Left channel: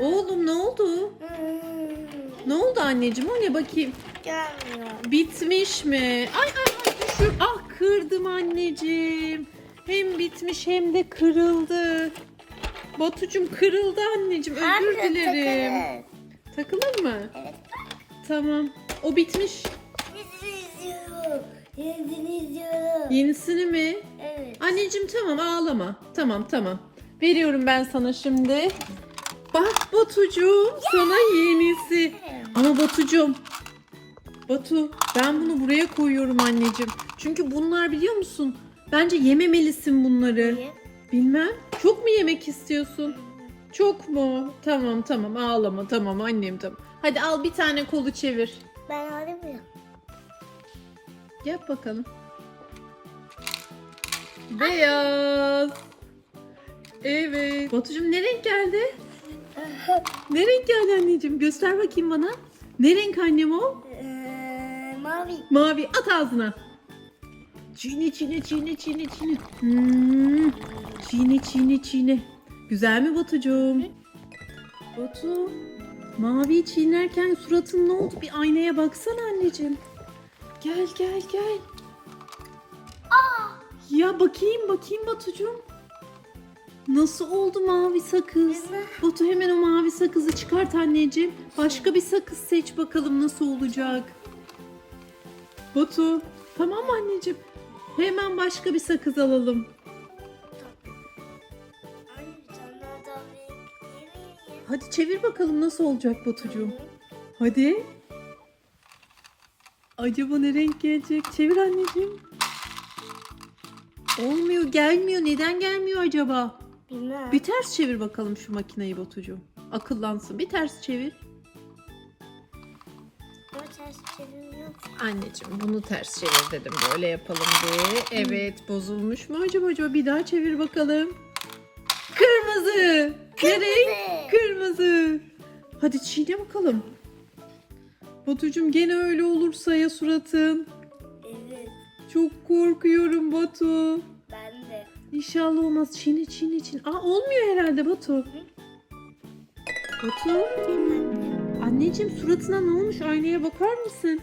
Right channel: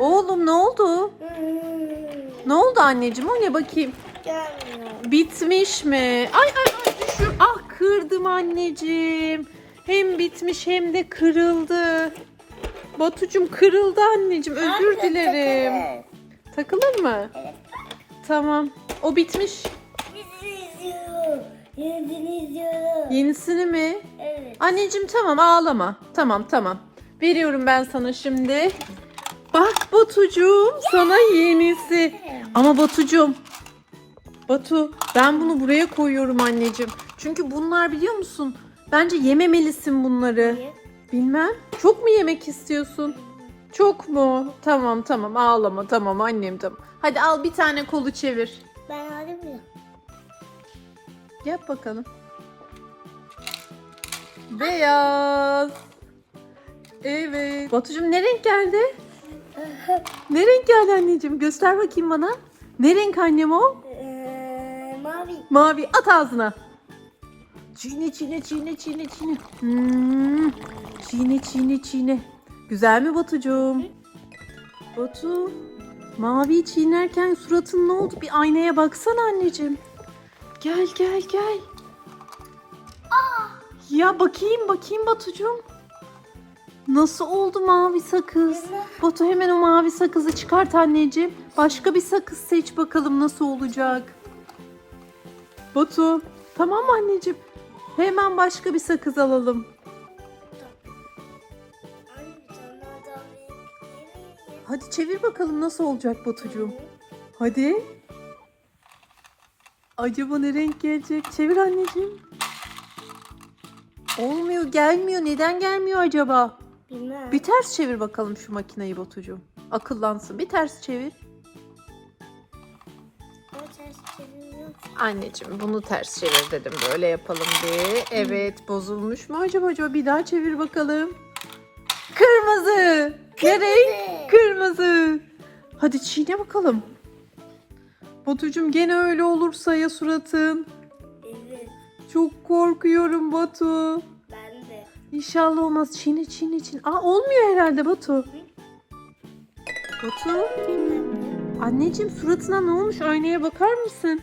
Oğlum ne oldu? Ne oldu anneciğim? O ne bakayım? Gelmiyor. Bitmiş mi? Ay ay ay düşür. Ah kırdım anneciğim. Hem bitmiş hem de kırıldı. Batucum kırıldı anneciğim. Özür Anne, dilerim. Takılır mı? Evet. Tamam. O bitmiş. Yenisini mi? Evet. Anneciğim tamam ağlama. Tamam tamam. Veriyorum ben sana şimdi. Bak Batucuğum sana yenisi. Ama Batucuğum. Batu ben bunu buraya koyuyorum anneciğim. Çünkü bunlar biliyor musun? Bence yememelisin bunları. Niye? Bilmem. Çok mu yemek istiyorsun? Çok mu? Tamam tamam ağlama tamam annem tamam. Hadi al bir tane kolu çevir. Ben mı? Yap bakalım. Beyaz. Evet. Batucuğum ne renk geldi? Ne renk geldi anneciğim? Göster bakayım bana. Ne renk annem o? Ee, mavi. Mavi. At ağzına. Çiğne çiğne çiğne çiğne çiğne. Hmm. Çiğne çiğne çiğne. Güzel mi Batucuğum? Batu. Mavi çiğnerken suratın ne oldu? Bir aynaya baksana anneciğim. Gel gel gel. Ya bakayım bakayım Batucuğum. Nasıl oldu mavi sakız? Batu hemen o mavi sakızı çıkart anneciğim. Başka bir sakız seç bakalım nasıl olacak. Batu tamam anneciğim? Hemen başka bir sakız alalım. Hadi çevir bakalım nasıl olacak Batucuğum. Hadi. Acaba ne renk gelecek? Çevir anneciğim. Olmuyor gelmiyor. Neden gelmiyor acaba? Bilmem. Bir ters çevir bakalım şu makineyi Batucuğum. Akıllansın. Bir ters çevir. O ters çeviriyor. Anneciğim bunu ters çevir dedim. Böyle yapalım diye. Evet bozulmuş mu acaba? acaba? Bir daha çevir bakalım. Kırmızı. Ne renk? Kırmızı. Hadi çiğne bakalım. Batucuğum gene öyle olursa ya suratın. Evet. Çok korkuyorum Batu. İnşallah olmaz. Çiğne çiğne çiğne. Aa olmuyor herhalde Batu. Batu. Anneciğim suratına ne olmuş? Aynaya bakar mısın?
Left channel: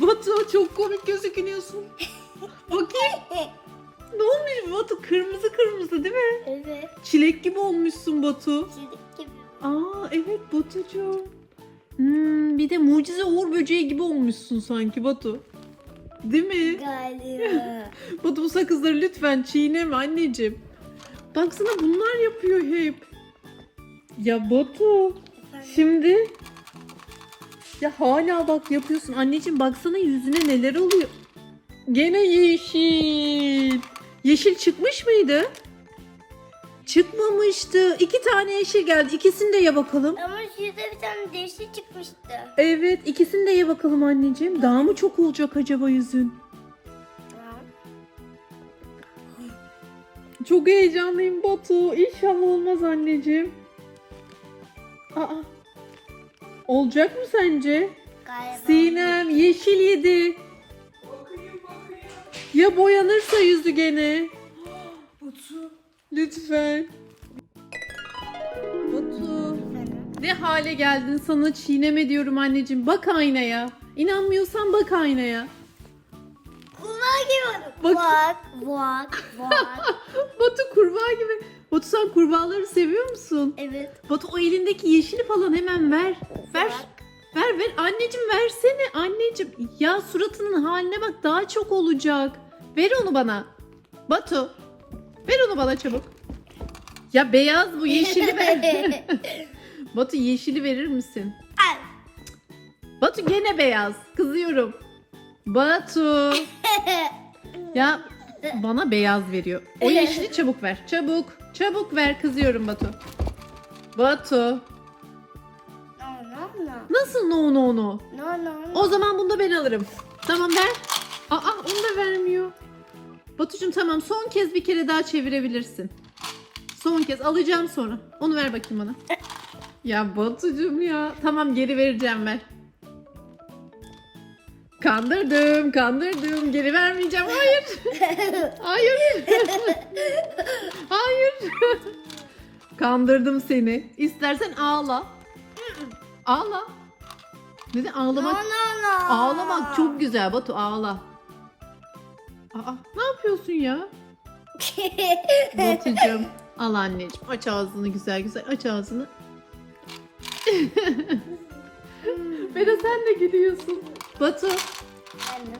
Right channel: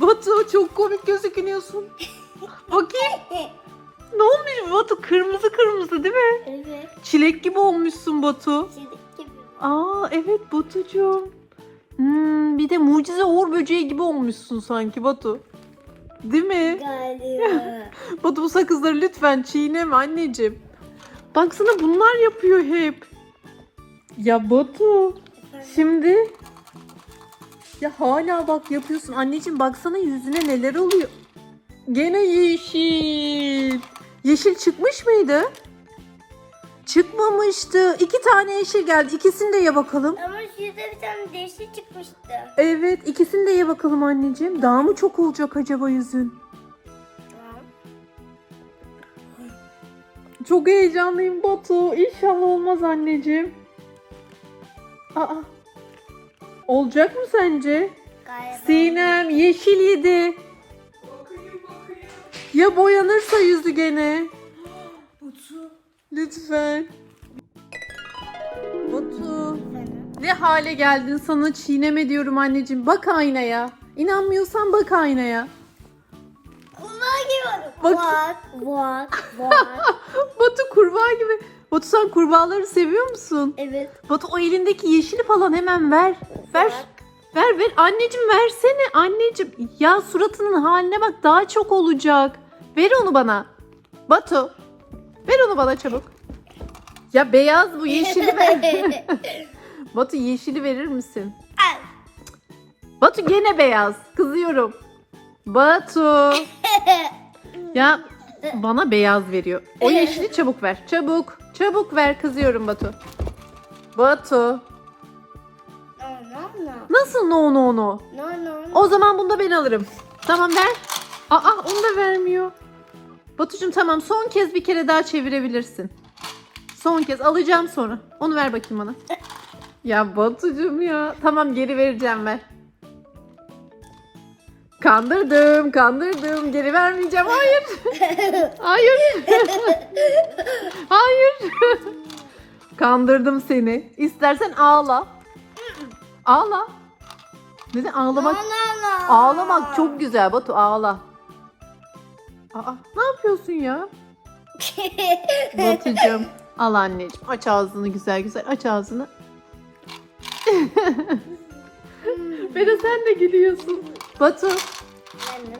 Batu çok komik gözüküyorsun. Bakayım. Ne olmuş Batu? Kırmızı kırmızı değil mi? Evet. Çilek gibi olmuşsun Batu. Çizik gibi. Aa evet Batucuğum. Hmm, bir de mucize uğur böceği gibi olmuşsun sanki Batu. Değil mi? Galiba. Batu bu sakızları lütfen çiğneme anneciğim. Baksana bunlar yapıyor hep. Ya Batu. Şimdi ya hala bak yapıyorsun. Anneciğim baksana yüzüne neler oluyor. Gene yeşil. Yeşil çıkmış mıydı? Çıkmamıştı. İki tane yeşil geldi. İkisini de ye bakalım. Ama şurada bir tane değişik çıkmıştı. Evet ikisini de ye bakalım anneciğim. Daha mı çok olacak acaba yüzün? Tamam. Çok heyecanlıyım Batu. İnşallah olmaz anneciğim. Aa. Olacak mı sence? Galiba. Sinem yeşil yedi. Ya boyanırsa yüzü gene? Batu. Lütfen. Efendim? Ne hale geldin sana çiğneme diyorum anneciğim. Bak aynaya. İnanmıyorsan bak aynaya. Kurbağa gibi. Bak- Bak. Bak. Batu kurbağa gibi. Batu sen kurbağaları seviyor musun? evet. Batu o elindeki yeşili falan hemen ver. Ver. Ver ver anneciğim versene anneciğim. Ya suratının haline bak daha çok olacak. Ver onu bana. Batu. Ver onu bana çabuk. Ya beyaz bu yeşili ver. Batu yeşili verir misin? Al. Batu gene beyaz. Kızıyorum. Batu. Ya bana beyaz veriyor. O yeşili çabuk ver. Çabuk. Çabuk ver. Kızıyorum Batu. Batu. Nasıl no no no? No no no. O zaman bunu da ben alırım. Tamam ver. Aa onu da vermiyor. Batucuğum tamam son kez bir kere daha çevirebilirsin. Son kez alacağım sonra. Onu ver bakayım bana. Ya Batucuğum ya. Tamam geri vereceğim ver. Kandırdım, kandırdım. Geri vermeyeceğim. Hayır. Hayır. Hayır. Kandırdım seni. İstersen ağla. Ağla. Neden ağlamak? Ağlamak çok güzel Batu ağla. Aa, ne yapıyorsun ya? Batucuğum al anneciğim aç ağzını güzel güzel aç ağzını. Bera sen de gülüyorsun. Batu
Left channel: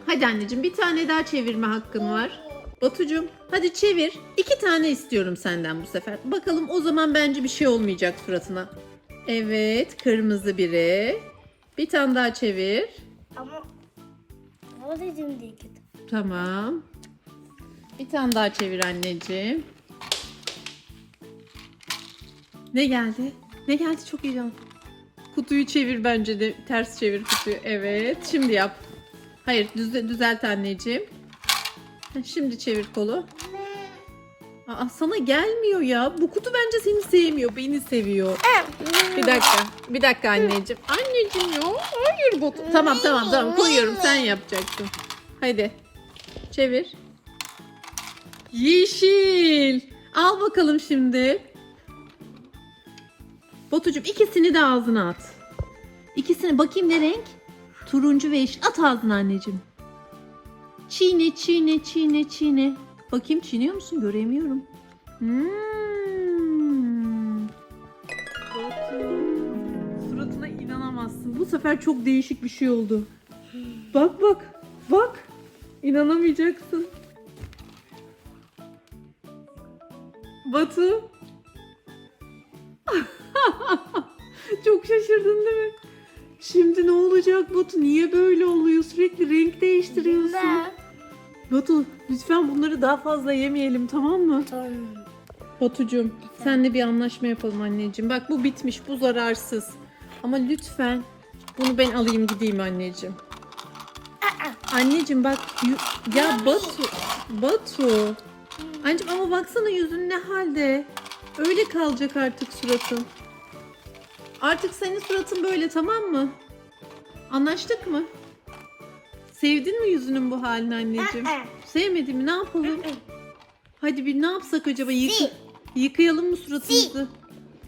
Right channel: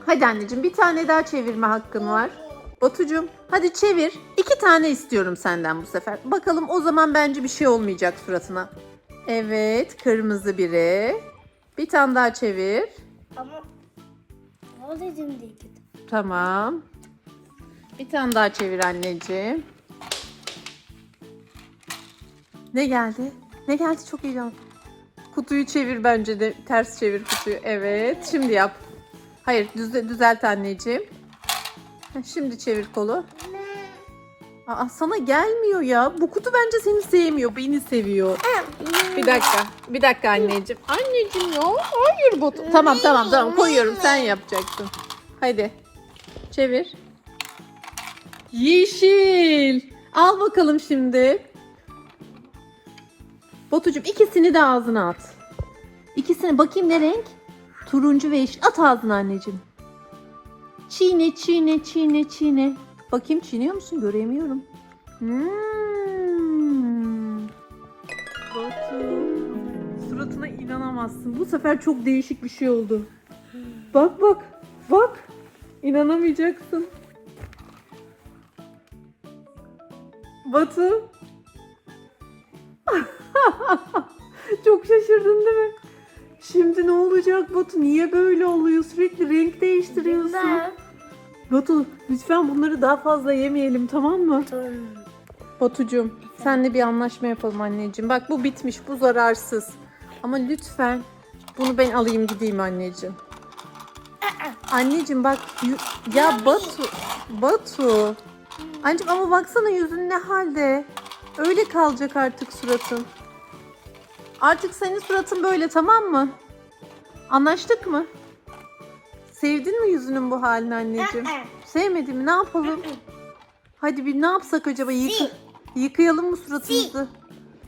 hadi anneciğim bir tane daha çevirme hakkın var. Batucuğum hadi çevir. İki tane istiyorum senden bu sefer. Bakalım o zaman bence bir şey olmayacak suratına. Evet kırmızı biri. Bir tane daha çevir. Ama o dedim diye kötü. Tamam. Bir tane daha çevir anneciğim. Ne geldi? Ne geldi çok heyecan. Kutuyu çevir bence de. Ters çevir kutuyu. Evet. Şimdi yap. Hayır düze- düzelt anneciğim. Şimdi çevir kolu. Aa, sana gelmiyor ya. Bu kutu bence seni sevmiyor. Beni seviyor. Bir dakika. Bir dakika anneciğim. Anneciğim ya. Hayır bu. Tamam tamam tamam koyuyorum. Sen yapacaksın. Hadi. Çevir. Yeşil. Al bakalım şimdi. Batucuğum ikisini de ağzına at. İkisini bakayım ne renk? Turuncu ve yeşil. At ağzına anneciğim. Çiğne çiğne çiğne çiğne. Bakayım çiğniyor musun? Göremiyorum. Hmm. Suratına inanamazsın. Bu sefer çok değişik bir şey oldu. Bak bak. Bak. İnanamayacaksın. Batu. Çok şaşırdın değil mi? Şimdi ne olacak Batu? Niye böyle oluyor? Sürekli renk değiştiriyorsun. Ben. Batu lütfen bunları daha fazla yemeyelim tamam mı? Tamam. Batucuğum senle bir anlaşma yapalım anneciğim. Bak bu bitmiş bu zararsız. Ama lütfen bunu ben alayım gideyim anneciğim. Anneciğim bak yu- ya Batu Batu. Anneciğim ama baksana yüzün ne halde. Öyle kalacak artık suratın. Artık senin suratın böyle tamam mı? Anlaştık mı? Sevdin mi yüzünün bu halini anneciğim? Sevmedin mi? Ne yapalım? Hadi bir ne yapsak acaba? Yık- Sil. yıkayalım mı suratımızı?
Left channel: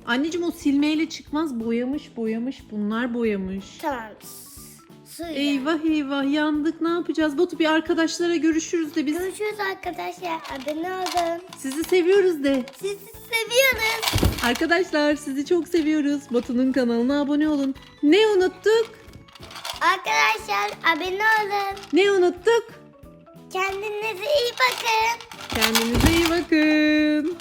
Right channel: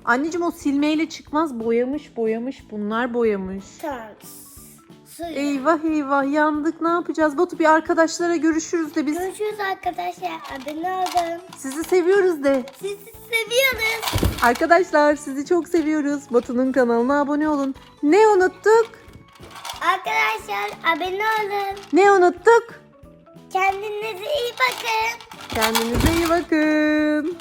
Anneciğim o silmeyle çıkmaz. Boyamış boyamış. Bunlar boyamış. Tamam. Suyu. Eyvah eyvah yandık. Ne yapacağız? Batu bir arkadaşlara görüşürüz de biz Görüşürüz arkadaşlar. Abone olun. sizi seviyoruz de. Sizi seviyoruz. Arkadaşlar sizi çok seviyoruz. Batu'nun kanalına abone olun. Ne unuttuk? Arkadaşlar abone olun. Ne unuttuk? Kendinize iyi bakın. Kendinize iyi bakın.